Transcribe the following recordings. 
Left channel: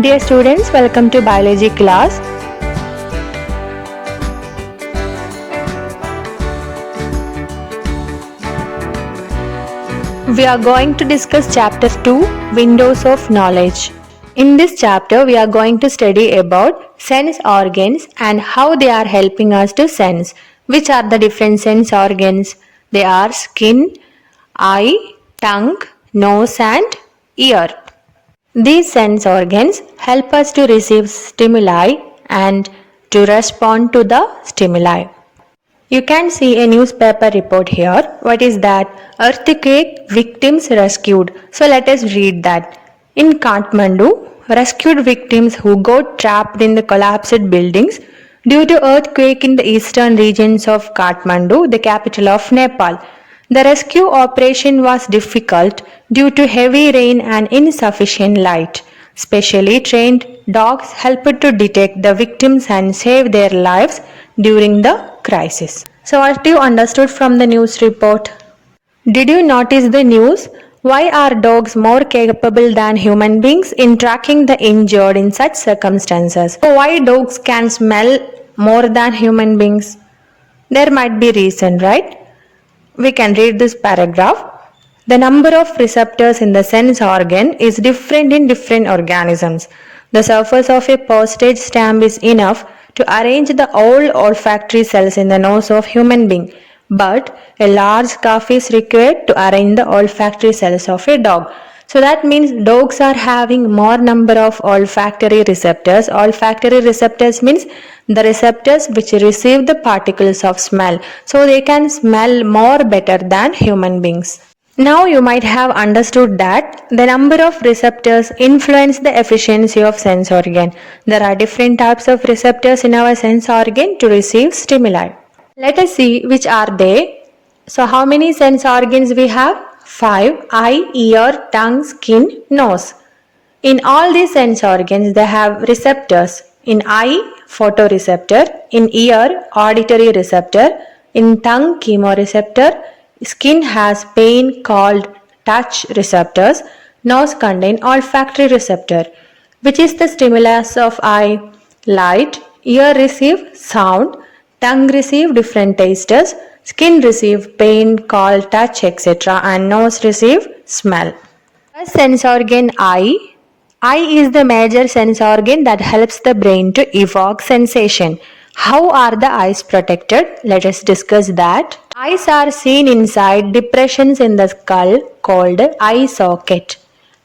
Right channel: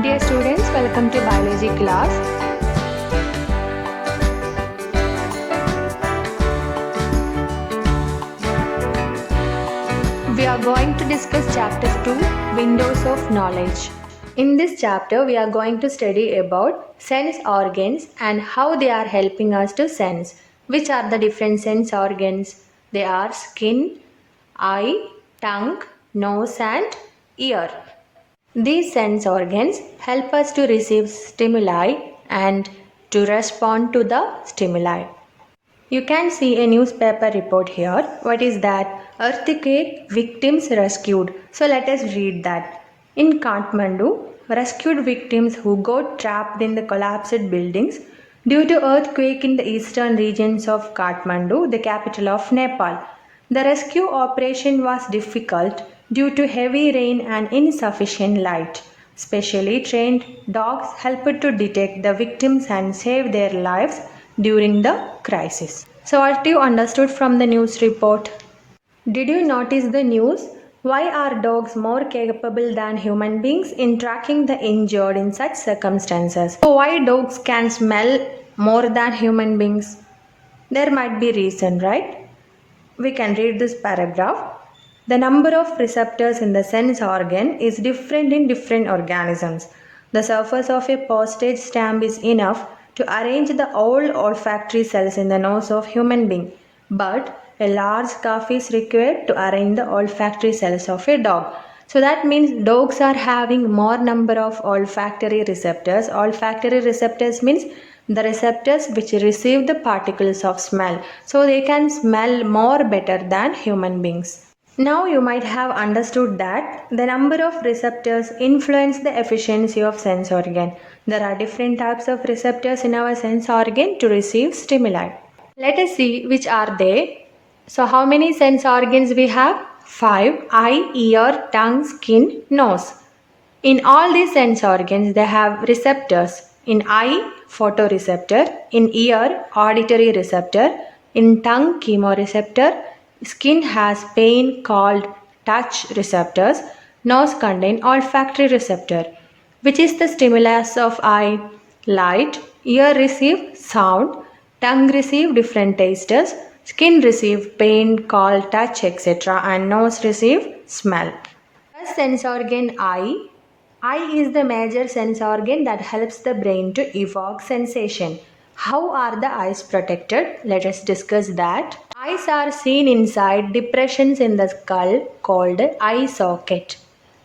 Dear students, welcome to biology class. We are going to discuss chapter 2, Windows of Knowledge. In this chapter, we are going to study about sense organs and how they are helping us to sense. Which are the different sense organs? They are skin, eye, tongue, nose and ear. These sense organs help us to receive stimuli and to respond to the stimuli. You can see a newspaper report here. What is that? Earthquake victims rescued. So let us read that. In Kathmandu, rescued victims who got trapped in the collapsed buildings due to earthquake in the eastern regions of Kathmandu, the capital of Nepal. The rescue operation was difficult due to heavy rain and insufficient light. Specially trained dogs helped to detect the victims and save their lives during the crisis. So, what you understood from the news report? Did you notice the news? Why are dogs more capable than human beings in tracking the injured in such circumstances? So why dogs can smell more than human beings? There might be reason, right? We can read this paragraph. The number of receptors in the sense organ is different in different organisms. The surface of a postage stamp is enough to arrange the all olfactory cells in the nose of human being, but a large scarf is required to arrange the olfactory cells of a dog. So that means dogs are having more number of olfactory receptors. Olfactory receptors means the receptors which receive the particles of smell. So they can smell more better than human beings. Now you might have understood that the number of receptors influence the efficiency of sense organ. There are different types of receptors in our sense organ to receive stimuli. Let us see which are they. So how many sense organs we have? 5. Eye, ear, tongue, skin, nose. In all these sense organs they have receptors. In eye, photoreceptor. In ear, auditory receptor. In tongue, chemoreceptor. Skin has pain called touch receptors. Nose contain olfactory receptor. Which is the stimulus of eye? Light. Ear receive sound. Tongue receive different tastes. Skin receive pain called touch, etc. And nose receive smell. First sense organ eye. Eye is the major sense organ that helps the brain to evoke sensation. How are the eyes protected? Let us discuss that. Eyes are seen inside depressions in the skull called eye socket,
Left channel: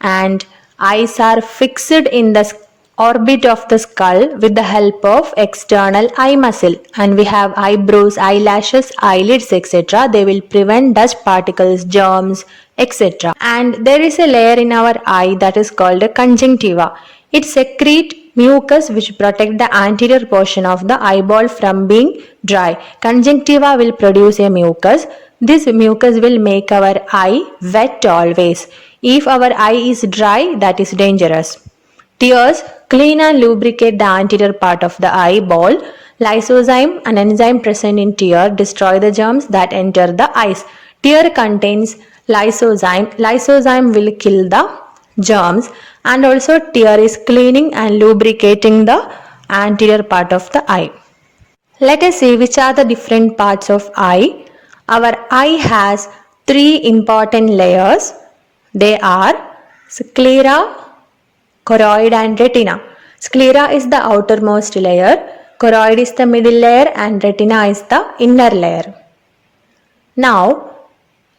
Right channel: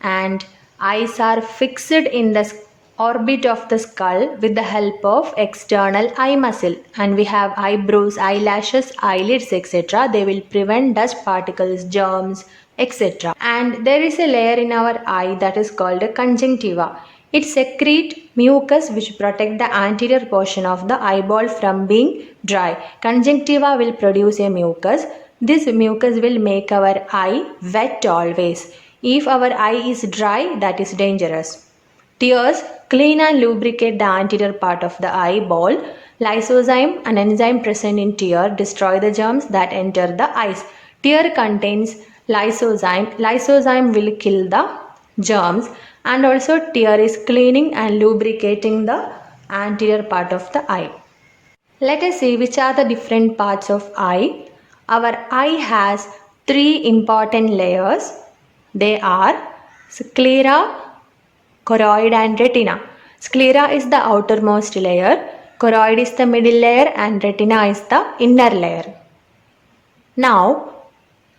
and eyes are fixed in the orbit of the skull with the help of external eye muscle, and we have eyebrows, eyelashes, eyelids, etc. They will prevent dust particles, germs, etc. And there is a layer in our eye that is called a conjunctiva. It secretes mucus which protect the anterior portion of the eyeball from being dry. Conjunctiva will produce a mucus. This mucus will make our eye wet always. If our eye is dry, that is dangerous. Tears clean and lubricate the anterior part of the eyeball. Lysozyme, an enzyme present in tear, destroy the germs that enter the eyes. Tear contains lysozyme. Lysozyme will kill the germs, and also tear is cleaning and lubricating the anterior part of the eye. Let us see which are the different parts of eye. Our eye has 3 important layers. They are sclera, choroid and retina. Sclera is the outermost layer, choroid is the middle layer and retina is the inner layer. Now,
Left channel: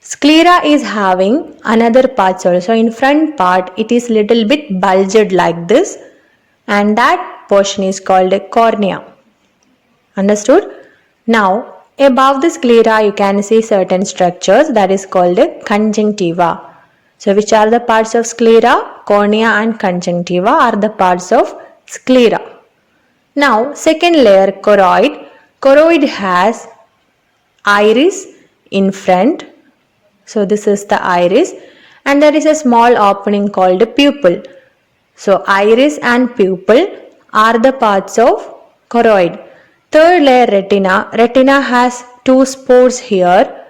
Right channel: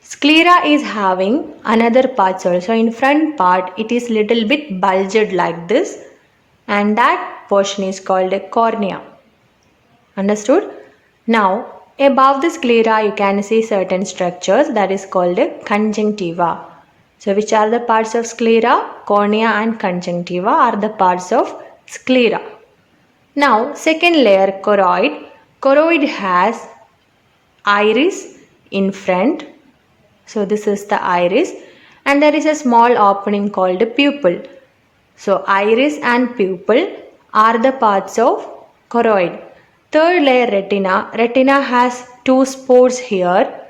sclera is having another parts also. In front part it is little bit bulged like this, and that portion is called a cornea. Understood? Now, above the sclera you can see certain structures that is called a conjunctiva. So which are the parts of sclera? Cornea and conjunctiva are the parts of sclera. Now second layer, choroid. Choroid has iris in front. So this is the iris, and there is a small opening called a pupil. So iris and pupil are the parts of choroid. Third layer, retina. Retina has 2 spots here.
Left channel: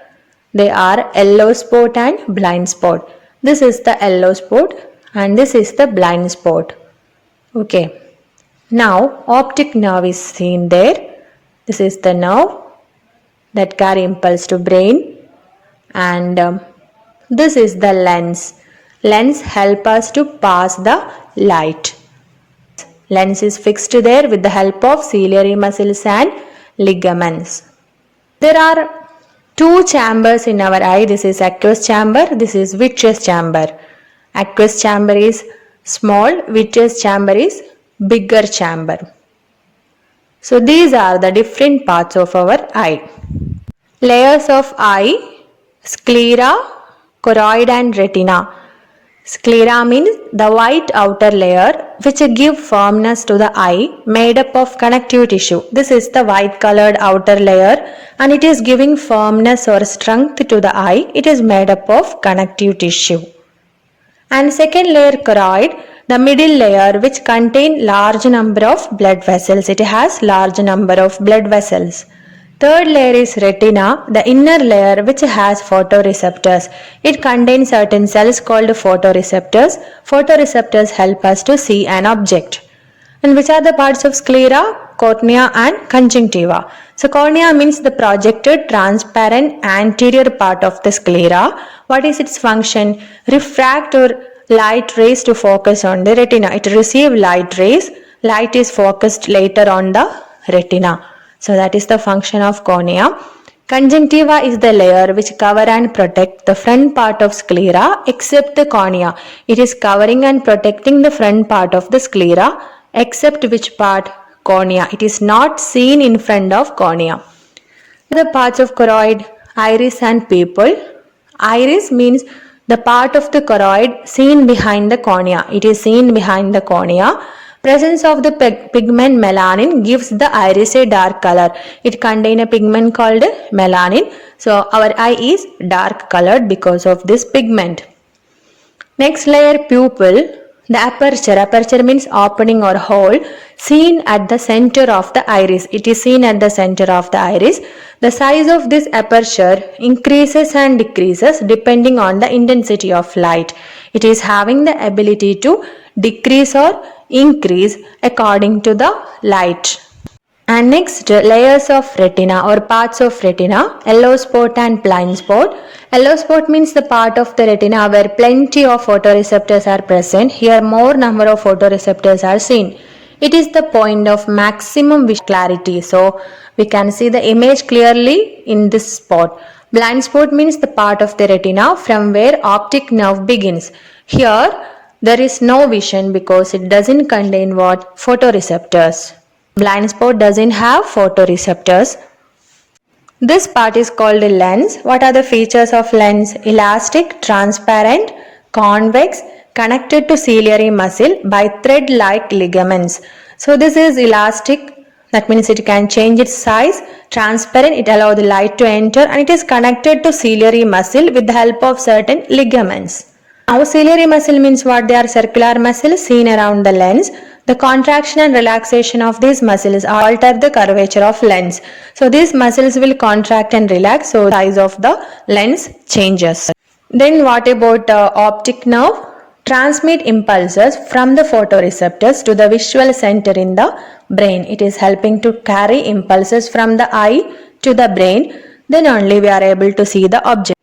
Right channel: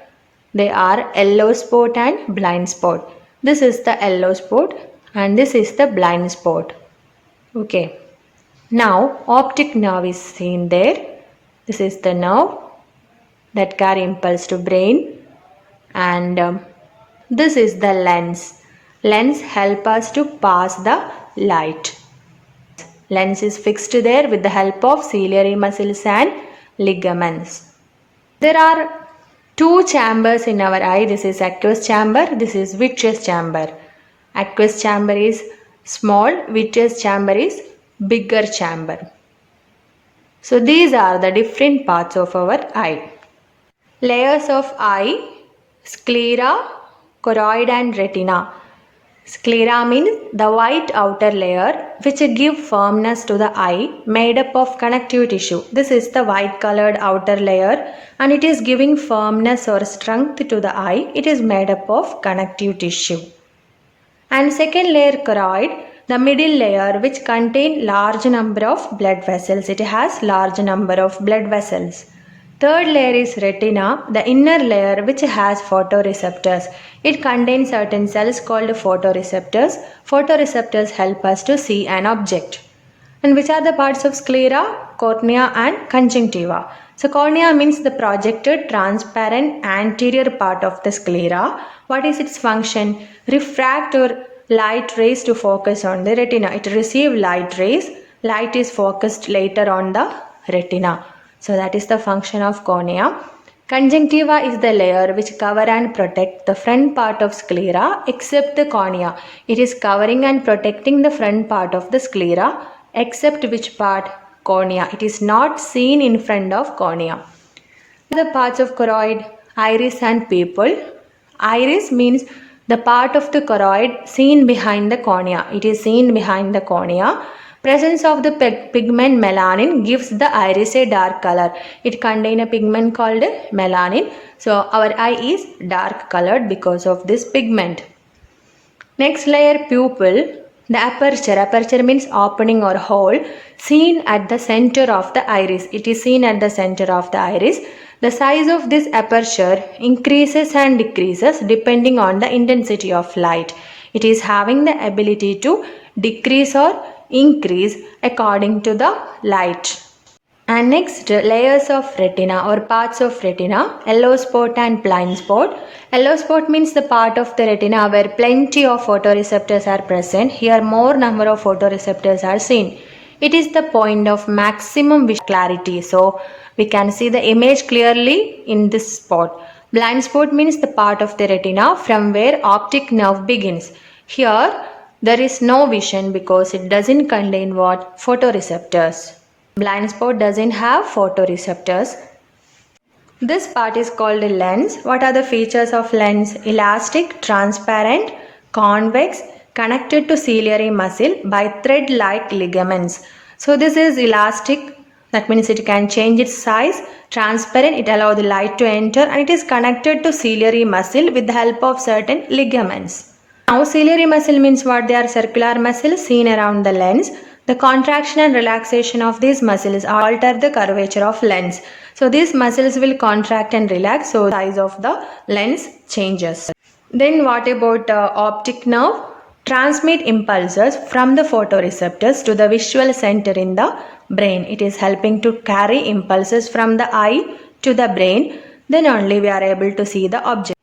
They are yellow spot and blind spot. This is the yellow spot and this is the blind spot. Okay. Now optic nerve is seen there. This is the nerve that carry impulse to brain, and this is the lens. Lens help us to pass the light. Lens is fixed there with the help of ciliary muscles and ligaments. There are two chambers in our eye. This is aqueous chamber, this is vitreous chamber. Aqueous chamber is small, vitreous chamber is bigger chamber. So these are the different parts of our eye. Layers of eye: sclera, choroid and retina. Sclera means the white outer layer which give firmness to the eye, made up of connective tissue. This is the white colored outer layer and it is giving firmness or strength to the eye. It is made up of connective tissue. And second layer, choroid, the middle layer which contain large number of blood vessels. It has large number of blood vessels. Third layer is retina, the inner layer which has photoreceptors. It contains certain cells called photoreceptors. Photoreceptors help us to see an object. And which are the parts of sclera? Cornea and conjunctiva. So cornea means the projected transparent anterior part of the sclera. What is its function? Refract or light rays to focus on the retina. It receives light rays. Light is focused later on the retina. So that is the function of cornea. Conjunctiva is the layer which cover and protect the front part of sclera except the cornea. It is covering and protecting the front part of the sclera except which part? Cornea. It is not seen in front of cornea. The parts of choroid: iris and pupil. Iris means the part of the choroid seen behind the cornea. It is seen behind the cornea. Presence of the pigment melanin gives the iris a dark color. It contains a pigment called melanin. So our eye is dark colored because of this pigment. Next layer, pupil. The aperture. Aperture means opening or hole seen at the center of the iris. It is seen at the center of the iris. The size of this aperture increases and decreases depending on the intensity of light. It is having the ability to decrease or increase according to the light. And next, layers of retina or parts of retina: yellow spot and blind spot. Yellow spot means the part of the retina where plenty of photoreceptors are present. Here more number of photoreceptors are seen. It is the point of maximum visual clarity. So we can see the image clearly in this spot. Blind spot means the part of the retina from where optic nerve begins. Here there is no vision because it doesn't contain what? Photoreceptors. Blind spot doesn't have photoreceptors. This part is called a lens. What are the features of lens? Elastic, transparent, convex, connected to ciliary muscle by thread-like ligaments. So this is elastic. That means it can change its size. Transparent, it allows the light to enter, and it is connected to ciliary muscle with the help of certain ligaments. Now ciliary muscle means what? They are circular muscles seen around the lens. The contraction and relaxation of these muscles alter the curvature of lens. So these muscles will contract and relax, so the size of the lens changes. Then what about optic nerve? Transmit impulses from the photoreceptors to the visual center in the brain. It is helping to carry impulses from the eye to the brain. Then only we are able to see the object.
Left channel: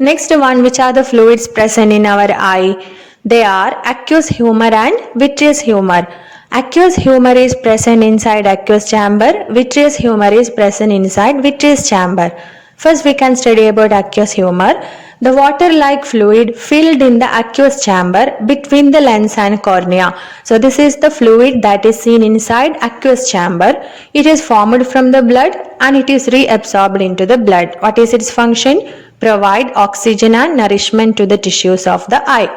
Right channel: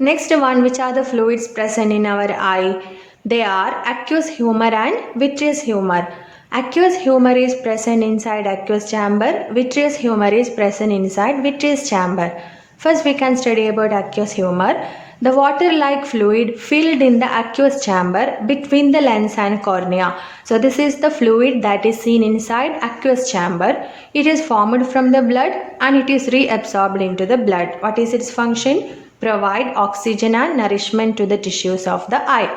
Next one, which are the fluids present in our eye? They are aqueous humor and vitreous humor. Aqueous humor is present inside aqueous chamber. Vitreous humor is present inside vitreous chamber. First we can study about aqueous humor. The water-like fluid filled in the aqueous chamber between the lens and cornea. So this is the fluid that is seen inside aqueous chamber. It is formed from the blood and it is reabsorbed into the blood. What is its function? Provide oxygen and nourishment to the tissues of the eye.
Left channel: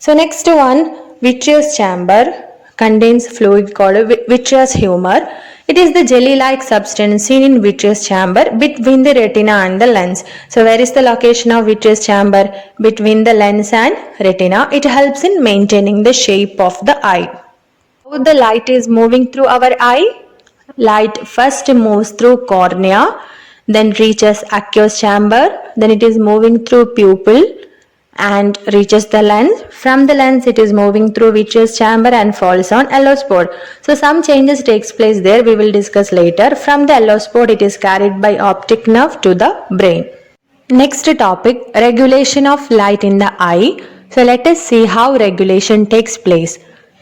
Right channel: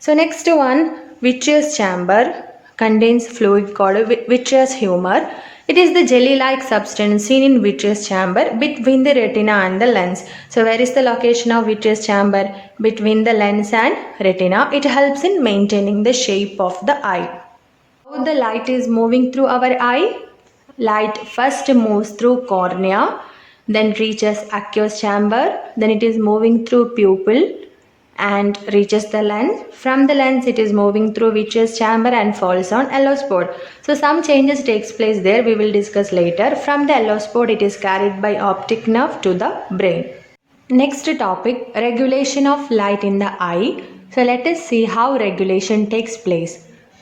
So next one, vitreous chamber contains fluid called vitreous humor. It is the jelly-like substance seen in vitreous chamber between the retina and the lens. So where is the location of vitreous chamber? Between the lens and retina. It helps in maintaining the shape of the eye. How the light is moving through our eye? Light first moves through cornea, then reaches aqueous chamber, then it is moving through pupil, and reaches the lens. From the lens it is moving through Vitreous chamber and falls on yellow spot. So some changes takes place there, we will discuss later. From the yellow spot it is carried by optic nerve to the brain. Next topic, regulation of light in the eye. So let us see how regulation takes place.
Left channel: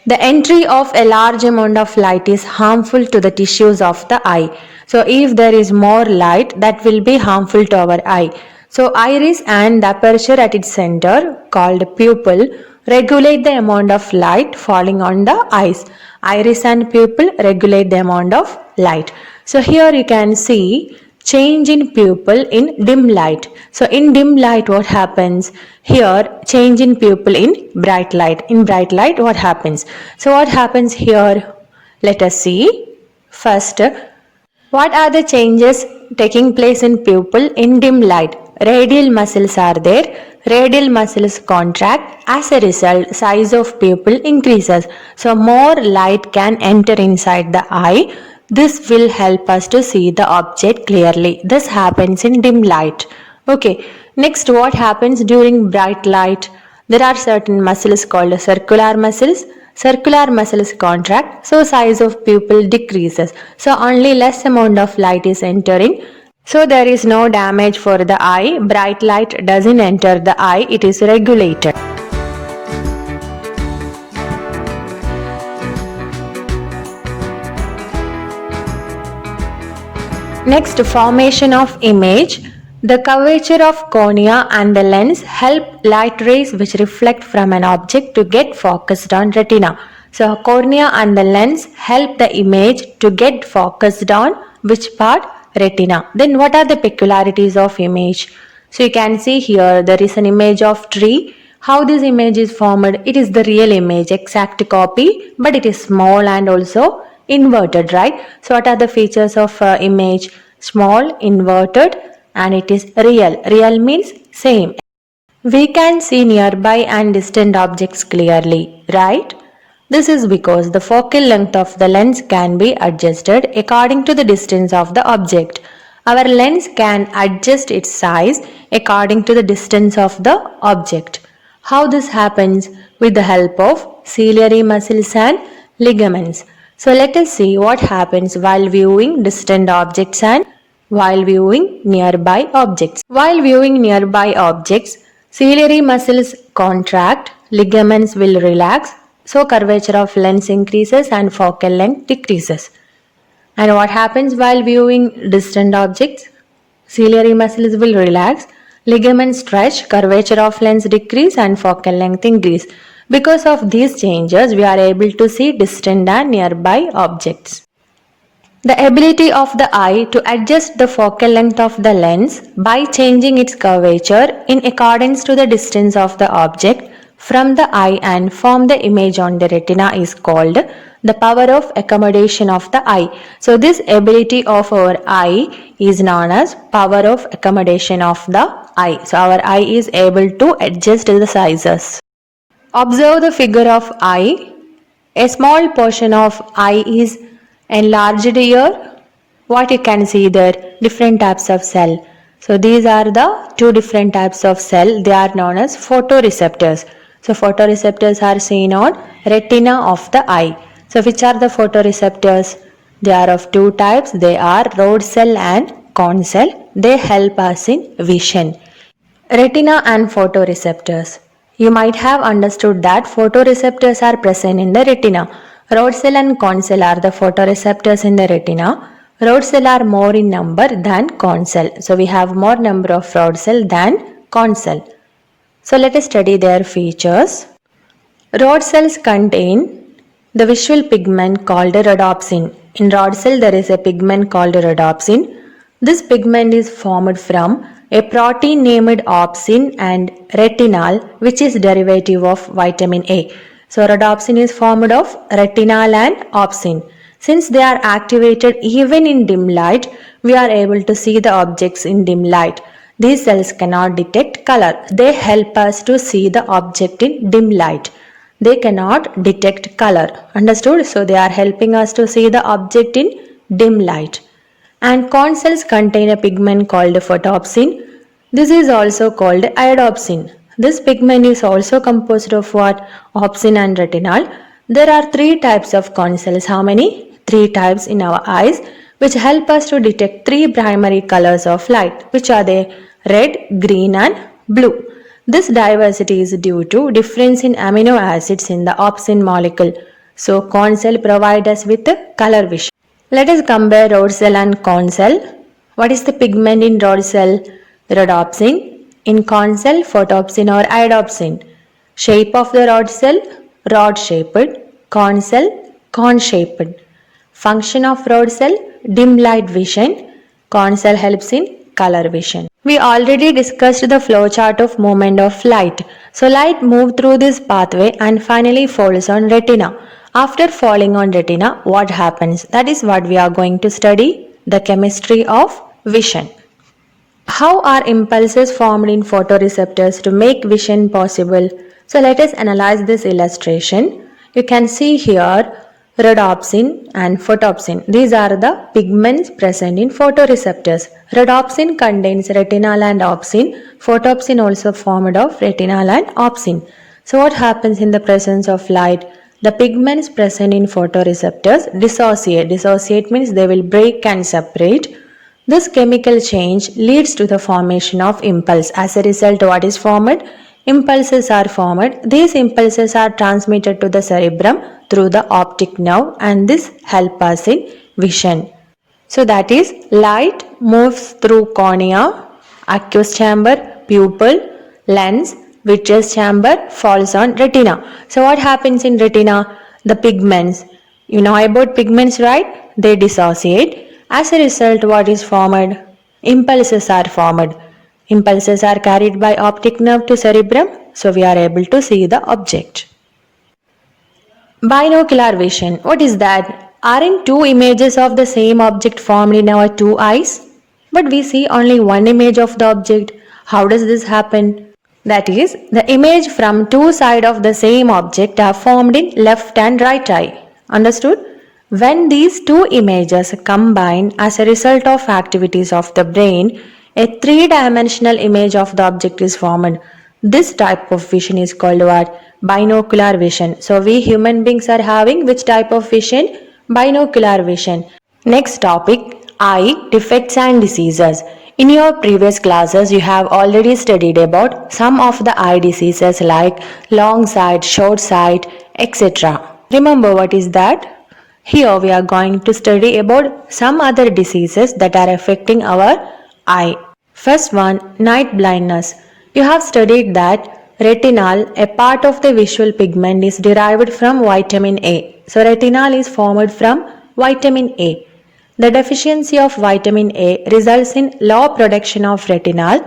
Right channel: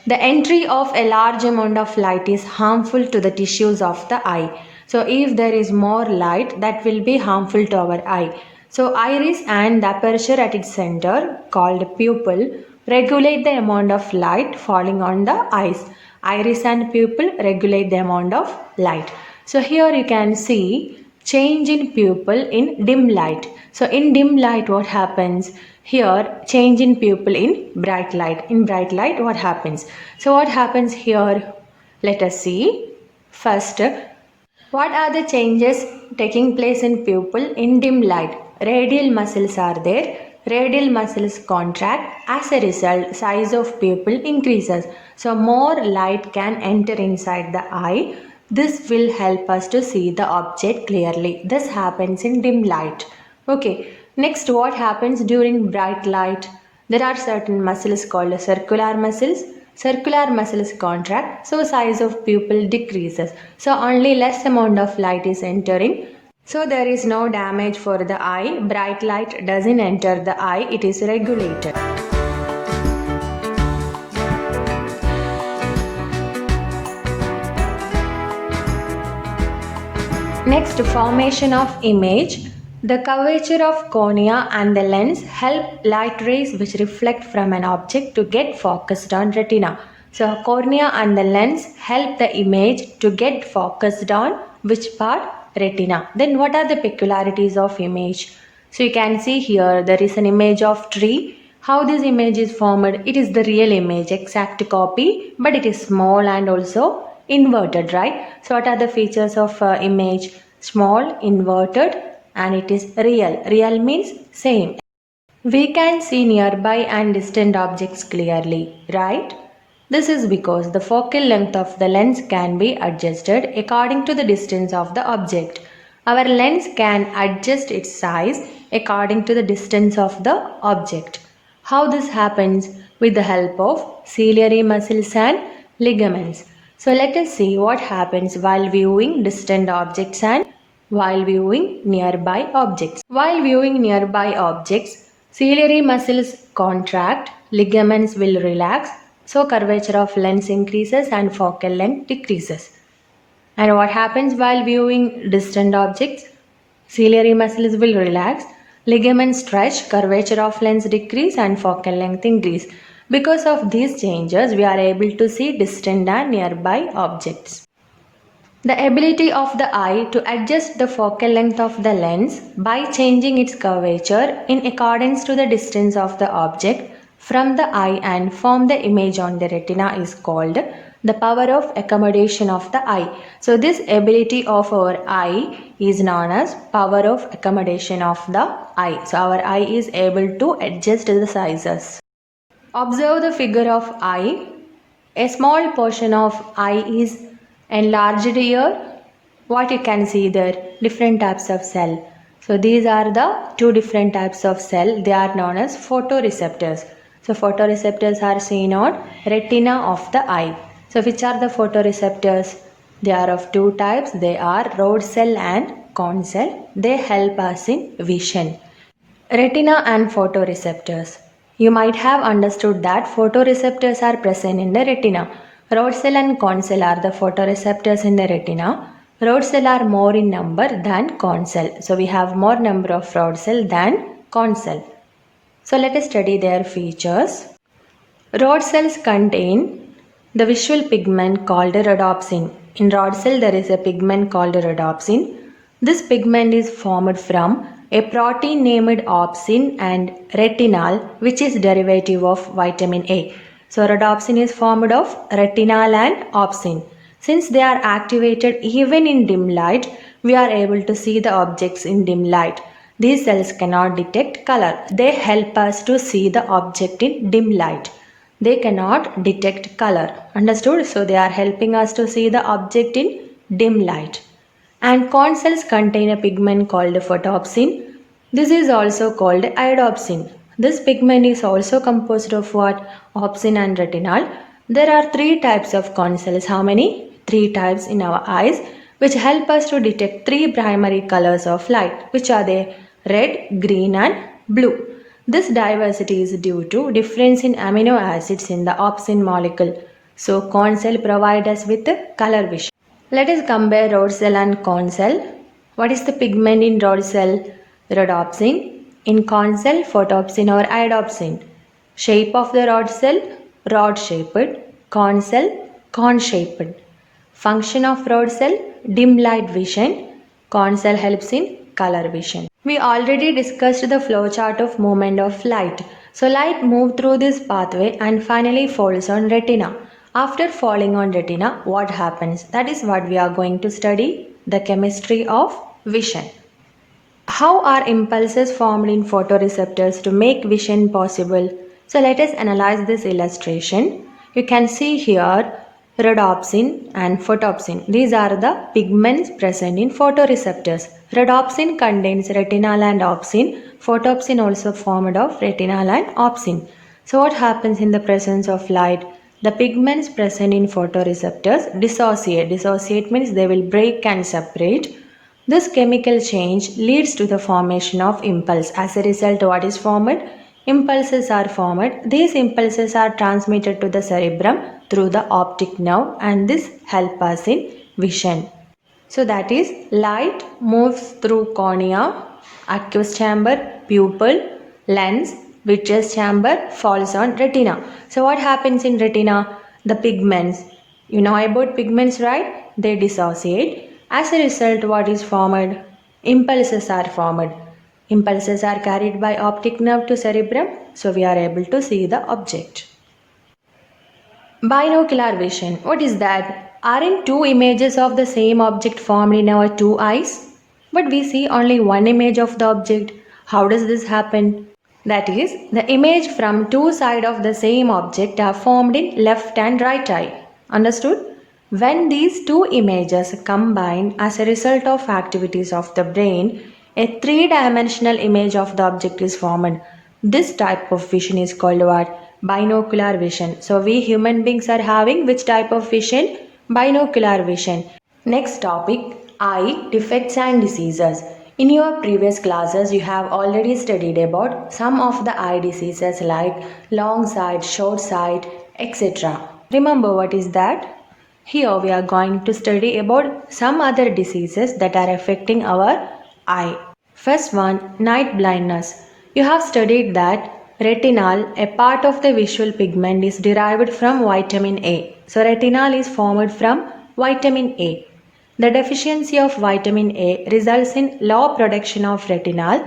The entry of a large amount of light is harmful to the tissues of the eye. So if there is more light, that will be harmful to our eye. So iris and the aperture at its center, called pupil, regulate the amount of light falling on the eyes. Iris and pupil regulate the amount of light. So here you can see change in pupil in dim light. So in dim light what happens? Here change in pupil in bright light. In bright light what happens? So what happens here? Let us see. First, what are the changes taking place in pupil in dim light? Radial muscles are there. Radial muscles contract. As a result, size of pupil increases. So more light can enter inside the eye. This will help us to see the object clearly. This happens in dim light. Okay. Next, what happens during bright light? There are certain muscles called circular muscles. Circular muscles contract, so size of pupil decreases. So only less amount of light is entering. So there is no damage for the eye. Bright light doesn't enter the eye. It is regulated. Next, formation of image. The curvature of cornea and the lens help light rays which reflect from an object to get focused on retina. So cornea and the lens help the image to get focused on which part? Retina. Then what are the peculiarities of image? So you can see here there is an image of tree. How this image is formed? It is the real image, exact copy, but it is small and also inverted, right? So what are the features of image? Small, inverted, and it is real. Real means same. We can see nearby and distant objects clearly, right? This is because the focal length of the lens can be adjusted according to the distance of the object. Our lens can adjust its size according to the distance of the object. How this happens? With the help of ciliary muscles and ligaments. So let us see what happens while viewing distant objects and while viewing nearby objects. While viewing nearby objects, ciliary muscles contract, ligaments will relax, so curvature of lens increases and focal length decreases. And what happens while viewing distant objects? Ciliary muscles will relax, ligaments stretch, curvature of lens decrease and focal length increase. Because of these changes, we are able to see distant and nearby objects. The ability of the eye to adjust the focal length of the lens by changing its curvature in accordance to the distance of the object from the eye and form the image on the retina is called the power of accommodation of the eye. So this ability of our eye is known as power of accommodation of the eye. So our eye is able to adjust the sizes. Observe the figure of eye. A small portion of eye is enlarged here. What you can see there? Different types of cell. So these are the two different types of cell. They are known as photoreceptors. So photoreceptors are seen on retina of the eye. So which are the photoreceptors? They are of two types. They are rod cell and cone cell. They help us in vision. Retina and photoreceptors. You might have understood that photoreceptors are present in the retina. Rod cell and cone cell are the photoreceptors in the retina. Rod cell are more in number than cone cell. So we have more number of rod cell than cone cell. So let us study their features. Rod cells contain the visual pigment called rhodopsin. In rod cell there is a pigment called rhodopsin. This pigment is formed from a protein named opsin and retinal, which is derivative of vitamin A. So rhodopsin is formed of retinal and opsin. Since they are activated even in dim light, we are able to see the objects in dim light. These cells cannot detect color. They help us to see the object in dim light. They cannot detect color. Understood? So they are helping us to see the object in dim light. And cone cells contain a pigment called photopsin. This is also called iodopsin. This pigment is also composed of what? Opsin and retinal. There are three types of corn cells. How many? Three types in our eyes, which help us to detect three primary colors of light, which are they? Red, green and blue. This diversity is due to difference in amino acids in the opsin molecule. So corn cell provide us with a color vision. Let us compare rod cell and corn cell. What is the pigment in rod cell? Rhodopsin. In corn cell, photopsin or iodopsin. Shape of the rod cell? Rod shaped. Corn cell? Corn shaped. Function of rod cell? Dim light vision. Corn cell helps in color vision. We already discussed the flowchart of movement of light. So light moves through this pathway and finally falls on retina. After falling on retina, what happens? That is what we are going to study, the chemistry of vision. How are impulses formed in photoreceptors to make vision possible? So let us analyze this illustration. You can see here rhodopsin and photopsin. These are the pigments present in photoreceptors. Rhodopsin contains retinal and opsin. Photopsin also formed of retinal and opsin. So what happens in the presence of light? The pigments present in photoreceptors dissociate. Dissociate means they will break and separate. This chemical change leads to the formation of impulse. As a result, what is formed? Impulses are formed. These impulses are transmitted to the cerebrum through the optic nerve and this helps us in vision. So that is light moves through cornea, aqueous chamber, pupil, lens, vitreous chamber, falls on retina. So what happens in retina? The pigments. You know about pigments, right? They dissociate. As a result, what is formed? Impulses are formed. Impulses are carried by optic nerve to cerebrum, so we are able to see the object. Binocular vision. What is that? Aren't two images of the same object formed in our two eyes? But we see only one image of the object. How does this happen? That is, the image from two sides of the same object are formed in left and right eye. Understood? When these two images combine as a result of activities of the brain, a three-dimensional image of the object is formed. This type of vision is called what? Binocular vision. So we human beings are having which type of vision? Binocular vision. Next topic, eye defects and diseases. In your previous classes, you have already studied about some of the eye diseases like long sight, short sight, etc. Remember what is that? Here we are going to study about some other diseases that are affecting our eye. First one, night blindness. You have studied that retinal, a part of the visual pigment, is derived from vitamin A. So retinal is formed from vitamin A. The deficiency of vitamin A results in low production of retinal.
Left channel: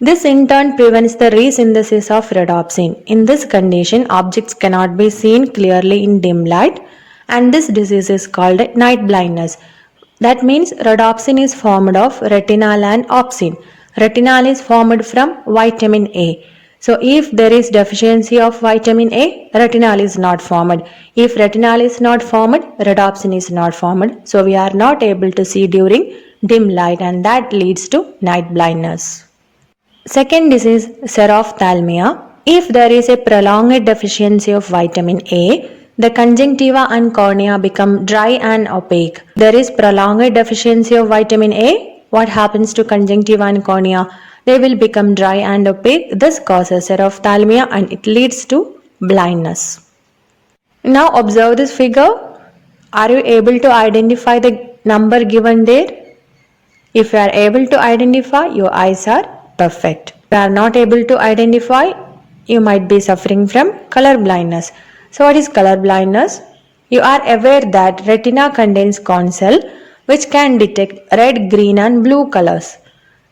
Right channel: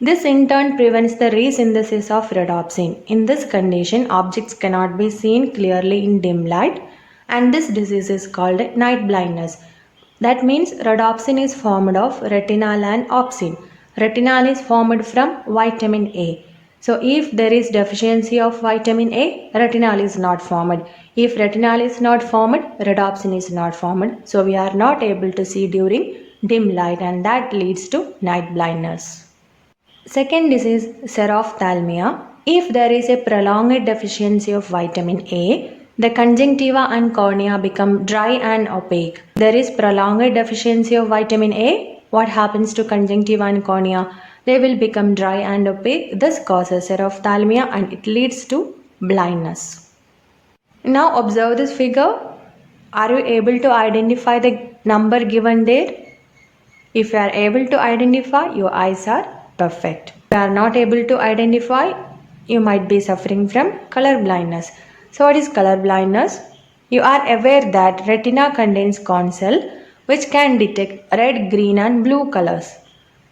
This in turn prevents the resynthesis of rhodopsin. In this condition, objects cannot be seen clearly in dim light, and this disease is called night blindness. That means rhodopsin is formed of retinal and opsin. Retinal is formed from vitamin A. So if there is deficiency of vitamin A, retinal is not formed. If retinal is not formed, rhodopsin is not formed. So we are not able to see during dim light and that leads to night blindness. Second disease, xerophthalmia. If there is a prolonged deficiency of vitamin A, the conjunctiva and cornea become dry and opaque. There is prolonged deficiency of vitamin A. What happens to conjunctiva and cornea? They will become dry and opaque. This causes xerophthalmia and it leads to blindness. Now observe this figure. Are you able to identify the number given there? If you are able to identify, your eyes are perfect. If you are not able to identify, you might be suffering from color blindness. So what is color blindness? You are aware that retina contains corn cell which can detect red, green and blue colors.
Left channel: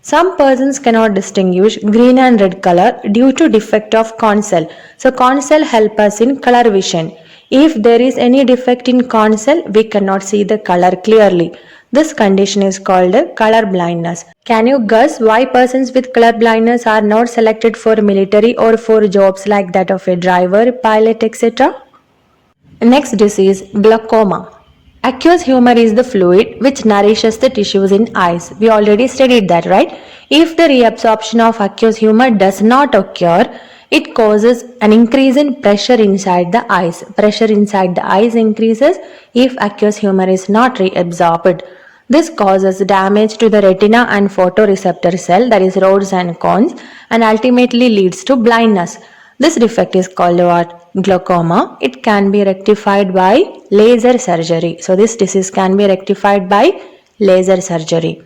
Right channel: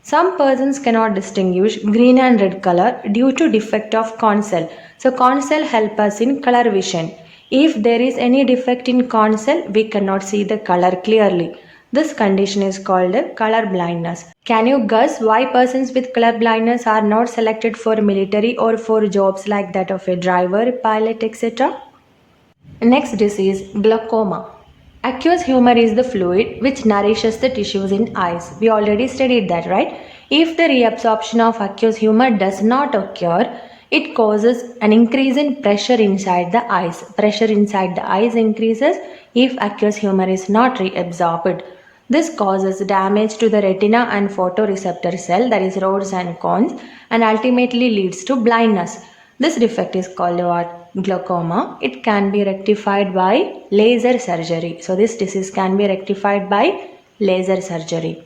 Some persons cannot distinguish green and red color due to defect of corn cell. So corn cell help us in color vision. If there is any defect in corn cell, we cannot see the color clearly. This condition is called color blindness. Can you guess why persons with color blindness are not selected for military or for jobs like that of a driver, pilot, etc.? Next disease, glaucoma. Aqueous humor is the fluid which nourishes the tissues in eyes. We already studied that, right? If the reabsorption of aqueous humor does not occur, it causes an increase in pressure inside the eyes. Pressure inside the eyes increases if aqueous humor is not reabsorbed. This causes damage to the retina and photoreceptor cell, that is rods and cones, and ultimately leads to blindness. This defect is called what? Glaucoma. It can be rectified by laser surgery. So this disease can be rectified by laser surgery.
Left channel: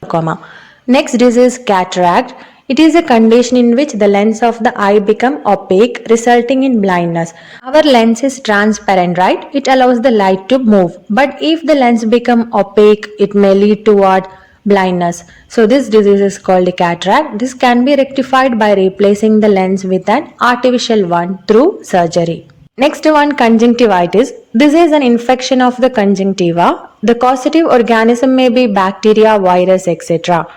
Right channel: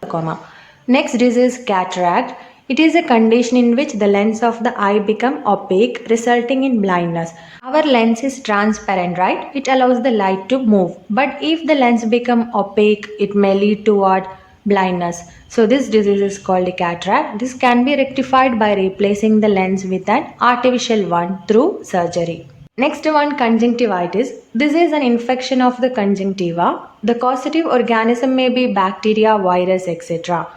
Glaucoma. Next disease, cataract. It is a condition in which the lens of the eye become opaque, resulting in blindness. Our lens is transparent, right? It allows the light to move. But if the lens become opaque, it may lead to what? Blindness. So this disease is called cataract. This can be rectified by replacing the lens with an artificial one through surgery. Next one, conjunctivitis. This is an infection of the conjunctiva. The causative organism may be bacteria, virus, etc.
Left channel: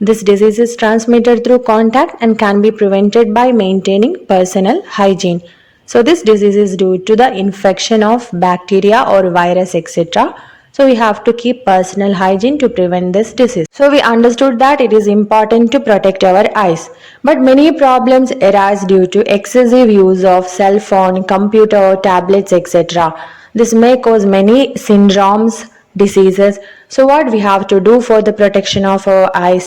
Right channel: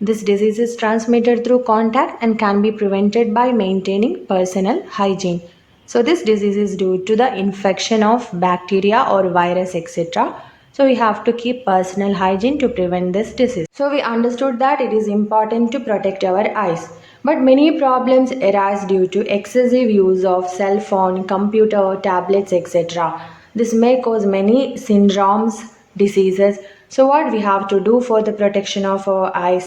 This disease is transmitted through contact and can be prevented by maintaining personal hygiene. So this disease is due to the infection of bacteria or virus, etc. So we have to keep personal hygiene to prevent this disease. So we understood that it is important to protect our eyes. But many problems arise due to excessive use of cell phone, computer, tablets, etc. This may cause many syndromes, diseases. So what we have to do for the protection of our eyes?